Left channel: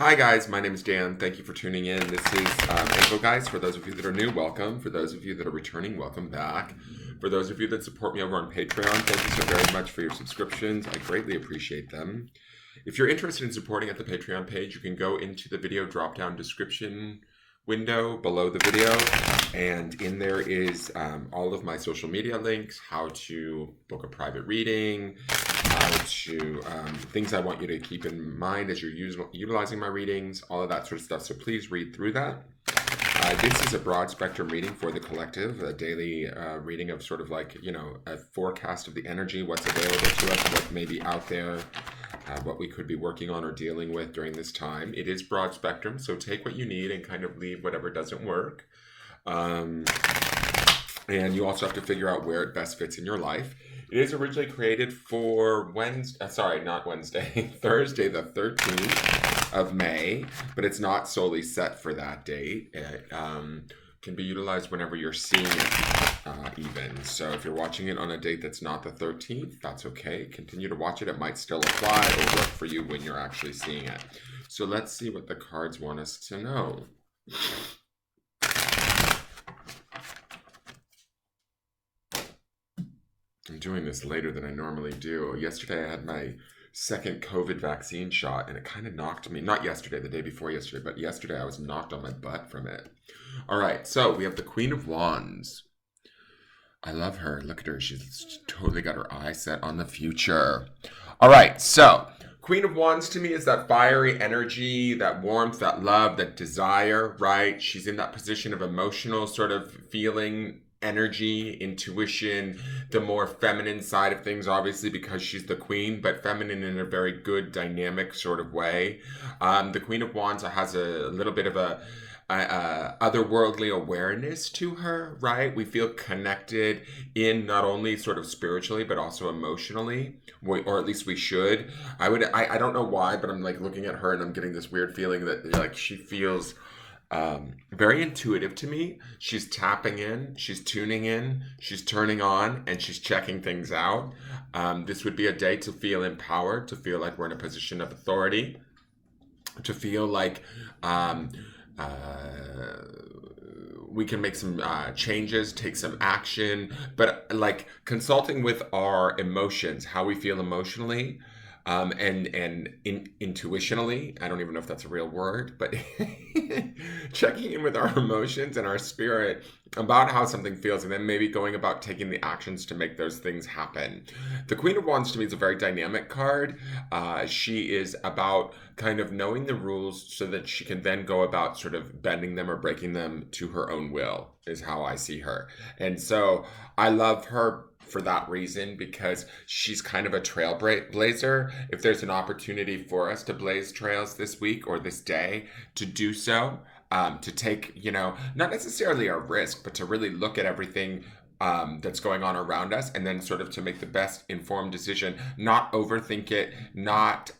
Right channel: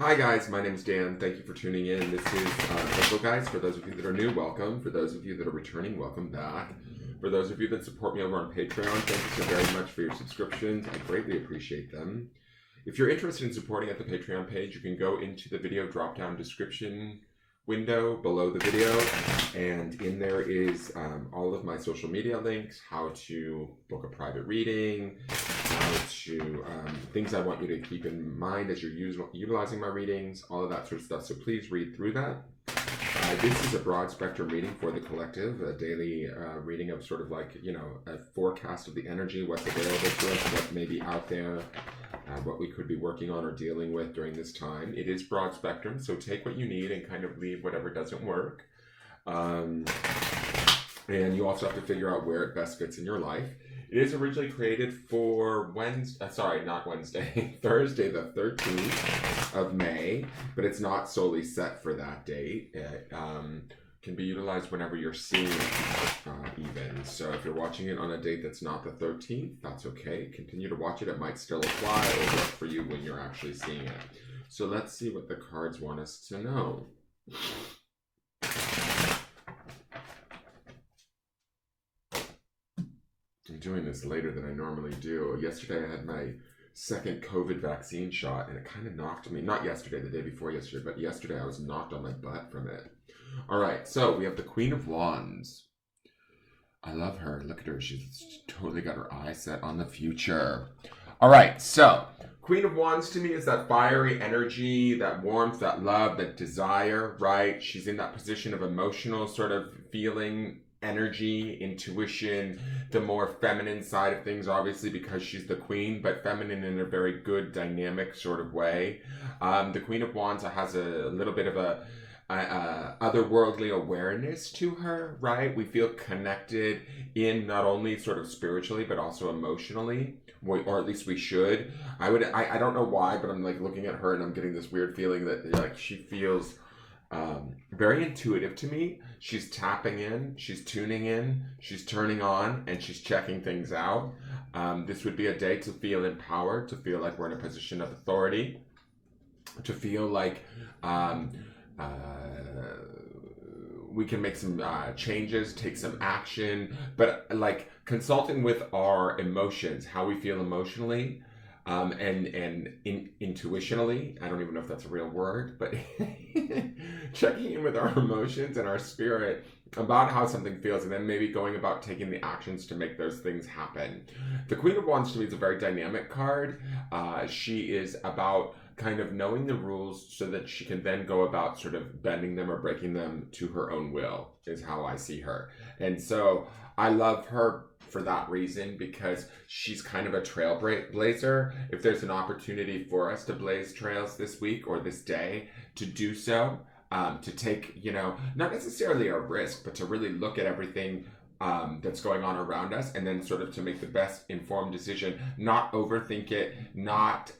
Hi guys, my name is Dan. Thank you for tuning in. This is Engelgeist. For those of you that are new, welcome. For those of you that are returning, welcome back. For those of you that support me over on Patreon, thank you so very much for your subscriptions. I greatly appreciate them. If you're interested in supporting at the Patreon page, you can go into the video drop-down description window below the video, and in there is all of my social media links, how to book a private reading, how to things I want you to keep in mind as you're utilizing my readings, all of that sort of stuff. So please read through that. This is a broad spectrum reading for the collective, a daily reading of sort of like, a forecast of the energy, what's available to us, what may be out there, what we could be working on or dealing with during this time. It is broad spectrum, so take what you need and kind of leave whatever doesn't work. And you also have to figure out where it best fits in your life. It is originally created for Thursday the 13th of May, but it's not solely set for that date. It can be utilized whenever you're seeing it even. So if you're watching it on a date that's not the 13th, that's okay. Continue to watch it. It might still apply or work for you when you're actually seeing it. So let's see what the cards want us to know. I'm doing this later than I normally do. Yesterday I had my second COVID vaccine shot and it kind of knocked me, not yesterday, the day before yesterday, but yesterday I was knocked on my butt from it. All right, so we have the Queen of Wands. I love her. Look at her. She's totally got her eye set on the future. All right, so Queen of Wands to me is that fiery energy, that warmth, that love, that desire, right? She's in that position of emotional sort of feeling, energy, intuition, the more feminine side of things, obviously, because she's the queen, but feminine in a very good, dynamic sort of way. The Queen of Wands has a little bit of a otherworldly awareness to her, right? We feel connected in not only sort of spiritually, but also emotionally, or at least we should. I don't know why, but I'm like looking at her and I'm getting this weird feeling that like she feels very intuitive to me. She's tapping in, she's tuning in, she's turning on, and she's checking things out. This would be a day to feel empowered, to feel like we're in a position of authority, to feel like we can make some changes, take some action, but like consulting with our emotions, how we feel emotionally, and intuitionally. I don't even know if that's a real word, but checking in with our emotions and our spirit about how something feels, and then maybe going about taking the actions to make those things happen. The Queen of Wands to me is a very dynamic card. She is about kind of knowing the rules so that she can then go about sort of bending them or breaking them to her own will, is how I see her. And so I love her for that reason, because she's kind of a trailblazer. If there's an opportunity for us to blaze trails this week or this day, to do so, to take, not necessarily a risk, but to really look at everything that's going on around us, and then sort of to make the best informed decision, not overthink it, not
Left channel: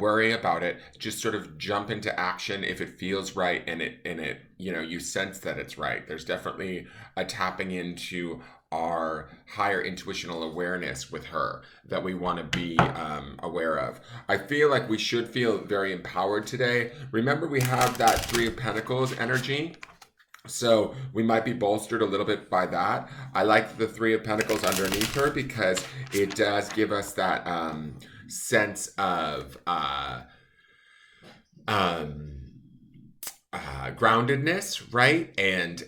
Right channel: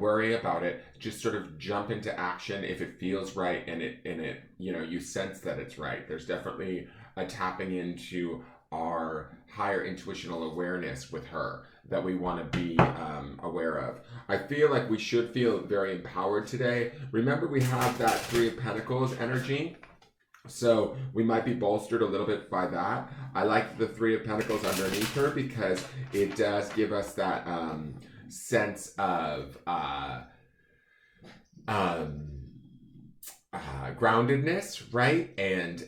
worry about it, just sort of jump into action if it feels right and it you sense that it's right. There's definitely a tapping into our higher intuitional awareness with her that we want to be aware of. I feel like we should feel very empowered today. Remember, we have that Three of Pentacles energy, so we might be bolstered a little bit by that. I like the Three of Pentacles underneath her because it does give us that sense of groundedness, right? And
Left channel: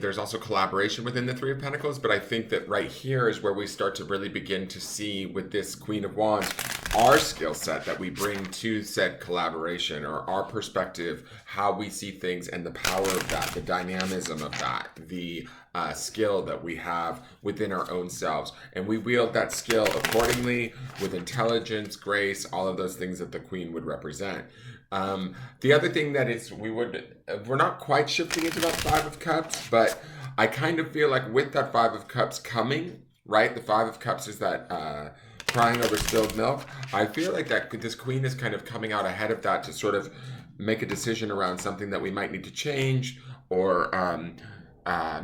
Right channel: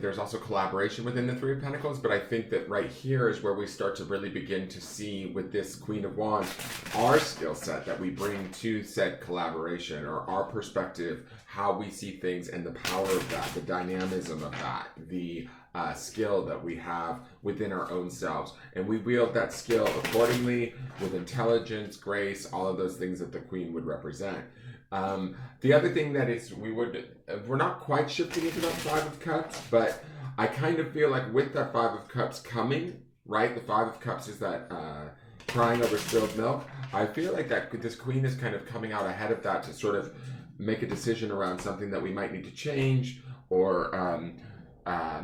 there's also collaboration within the Three of Pentacles, but I think that right here is where we start to really begin to see with this Queen of Wands our skill set that we bring to said collaboration, or our perspective, how we see things, and the power of that, the dynamism of that, the skill that we have within our own selves. And we wield that skill accordingly with intelligence, grace, all of those things that the Queen would represent. The other thing that is, we're not quite shifting into that Five of Cups, but I kind of feel like with that Five of Cups coming, right? The Five of Cups is that crying over spilled milk. I feel like that this Queen is kind of coming out ahead of that to sort of make a decision around something that we might need to change or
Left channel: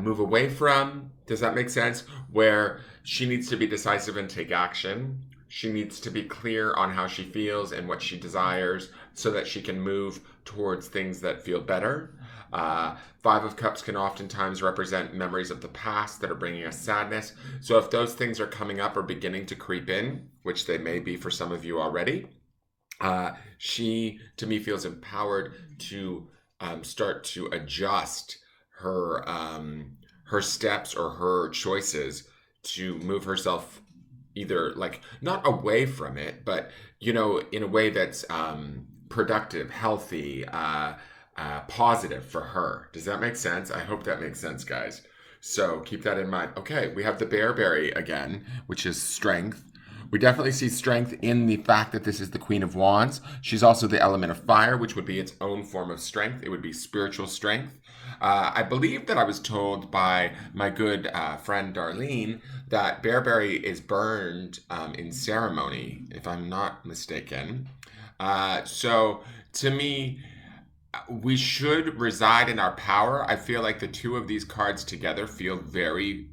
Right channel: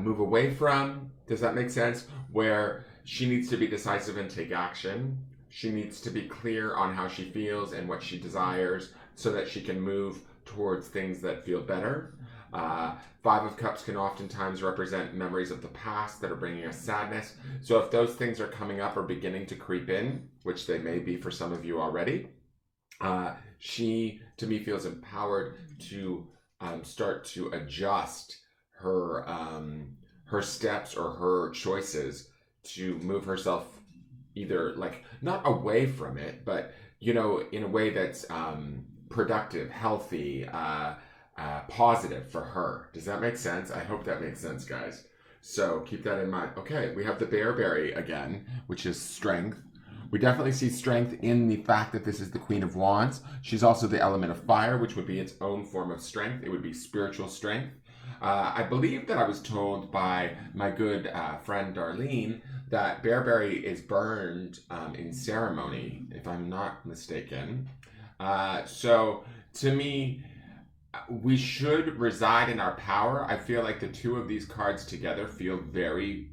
move away from. Does that make sense? Where she needs to be decisive and take action. She needs to be clear on how she feels and what she desires so that she can move towards things that feel better. Five of Cups can oftentimes represent memories of the past that are bringing us sadness. So if those things are coming up or beginning to creep in, which they may be for some of you already, she, to me, feels empowered to start to adjust her steps or her choices to move herself either like not away from it, but in a way that's productive, healthy, positive for her. Does that make sense? I hope that makes sense, guys. So keep that in mind. Okay, we have the Bearberry again, which is strength. We definitely see strength in the fact that this is the Queen of Wands. She's also the element of fire, which would be its own form of strength. It would be spiritual strength. I believe that I was told by my good friend Darlene that Bearberry is burned in ceremony, if I'm not mistaken. So to me, we should reside in our power. I feel like the two of these cards together feel very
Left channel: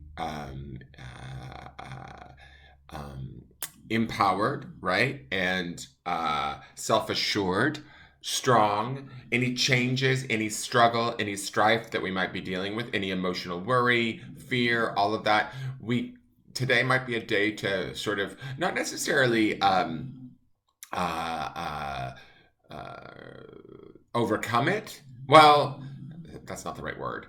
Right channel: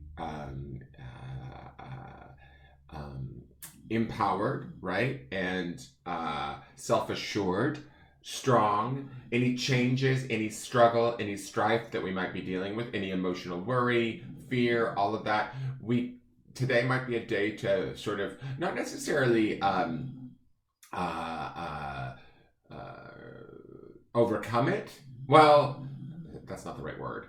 empowered, right? And self-assured, strong. Any changes, any struggle, any strife that we might be dealing with, any emotional worry, fear, all of that, today might be a day to sort of not necessarily overcome it. Well, that's not the right word.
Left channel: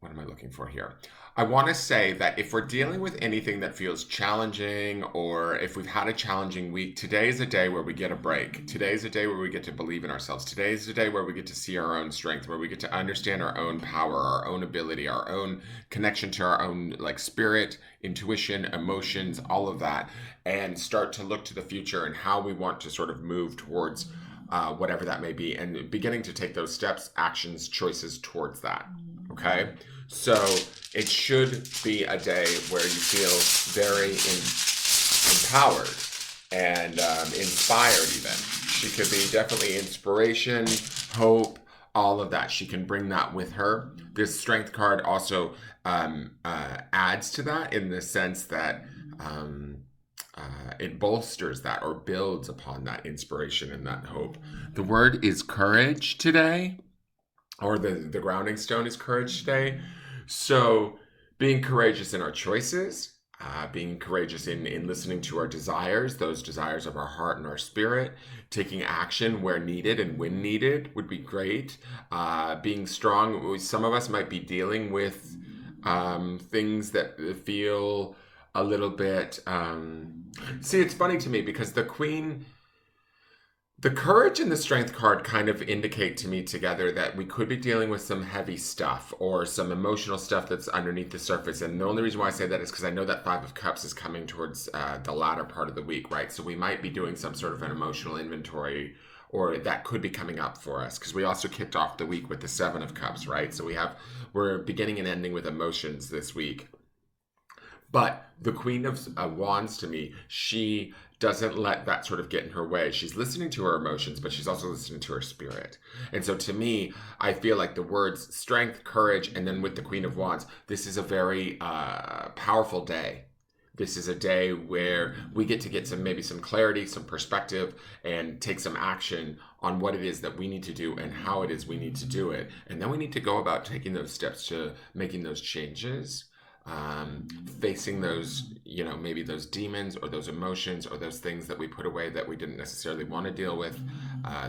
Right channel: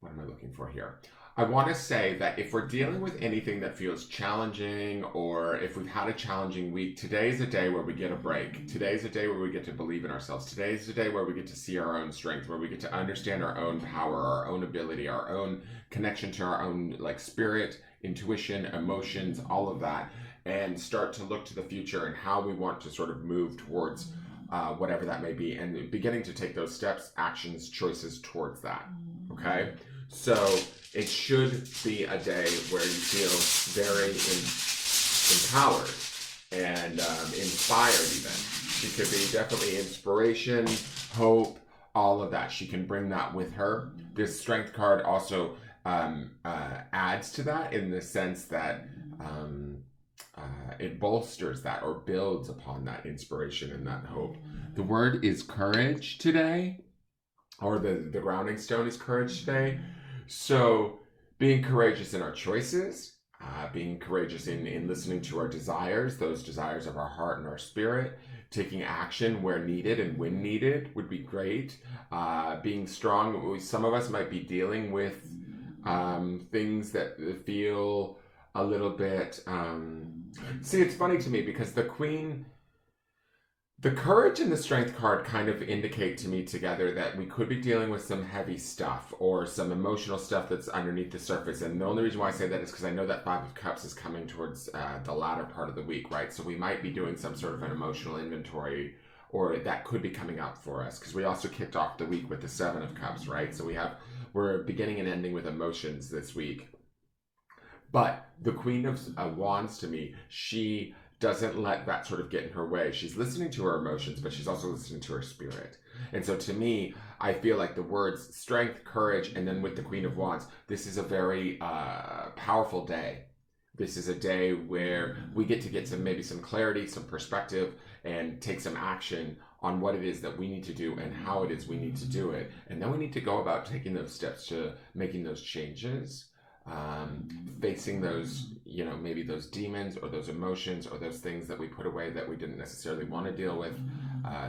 What am I looking for here? I want to say that if we're dealing with anything that feels challenging, or if we've had a challenging week, today is a day where we get a break. Today is a day where we get to believe in ourselves. Today is a day where we get to see our own strength, where we get to understand our own power, our own ability, our own connection to our own spirit, intuition, emotions, all of that, and start to look to the future and how we want to sort of move towards whatever that may be, and beginning to take those steps, actions, choices towards that. Okay? So it should be a day where you feel very empowered and inspired even. She could be definitely inspiration, hope, all of that. She can bring that with her. This strength card also adds to that in the sense that it bolsters that or builds upon that inspiration and that hope. The word is courage today, or the grounding stone is courage today. So being courageous in our choices, being courageous in listening to our desires, those desires of our heart and our spirit, taking action where needed and when needed would be great. Being strong, some of us might be dealing with things that feel a little bit see, it's funny to me because the courage and the strength card kind of indicate to me together that we could be dealing with some heavy stuff or some emotional stuff that's underneath the surface. And the only reason why I say that is because I know that Five of Cups is coming towards the latter part of the week, right? So we might be doing some sort of an emotional inventory, or that could be coming up for us, because we also kicked off the week with the Seven of Cups, right? So we're beginning and ending with emotions this week. But the Queen of Wands, to me, she doesn't let that sort of get in her way. She's listening to her emotions, but she's also listening to her spirit. And so to me, I feel like the words strength, courage, and then with the Queen of Wands, this is a very powerful day. This is a day where we get to get maybe some clarity, some perspective, and take some action on what it is that we need to do and how it is we need to do it. And then we need to go about taking those steps to making those changes, facing those, maybe those demons or those emotions or those things that we put away that we didn't necessarily want to deal with.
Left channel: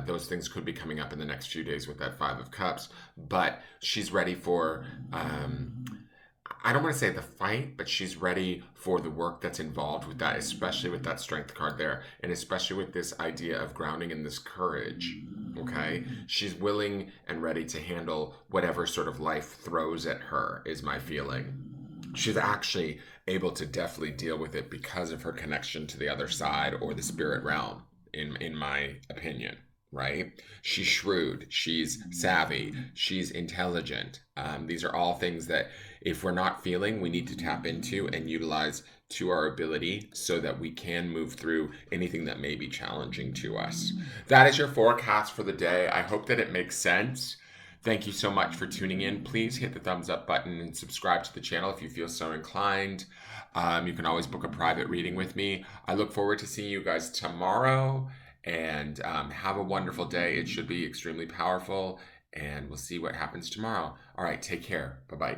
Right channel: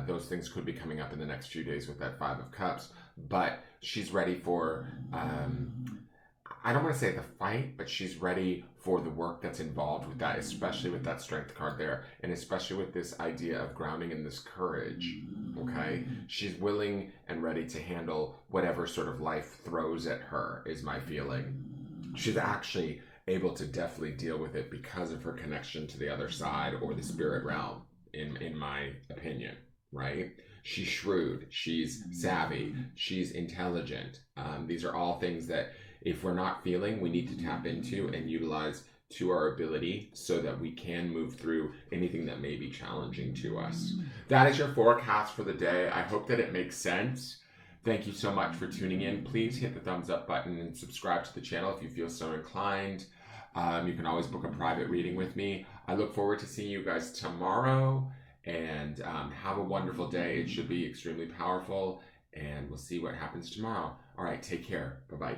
Those things could be coming up in the next few days with that Five of Cups. But she's ready for, I don't want to say the fight, but she's ready for the work that's involved with that, especially with that strength card there, and especially with this idea of grounding and this courage, okay? She's willing and ready to handle whatever sort of life throws at her, is my feeling. She's actually able to definitely deal with it because of her connection to the other side or the spirit realm, in my opinion, right? She's shrewd, she's savvy, she's intelligent. These are all things that if we're not feeling, we need to tap into and utilize to our ability so that we can move through anything that may be challenging to us. That is your forecast for the day. I hope that it makes sense. Thank you so much for tuning in. Please hit the thumbs up button and subscribe to the channel if you feel so inclined. You can always book a private reading with me. I look forward to seeing you guys tomorrow, and have a wonderful day. It should be extremely powerful, and we'll see what happens tomorrow. All right, take care. Bye-bye.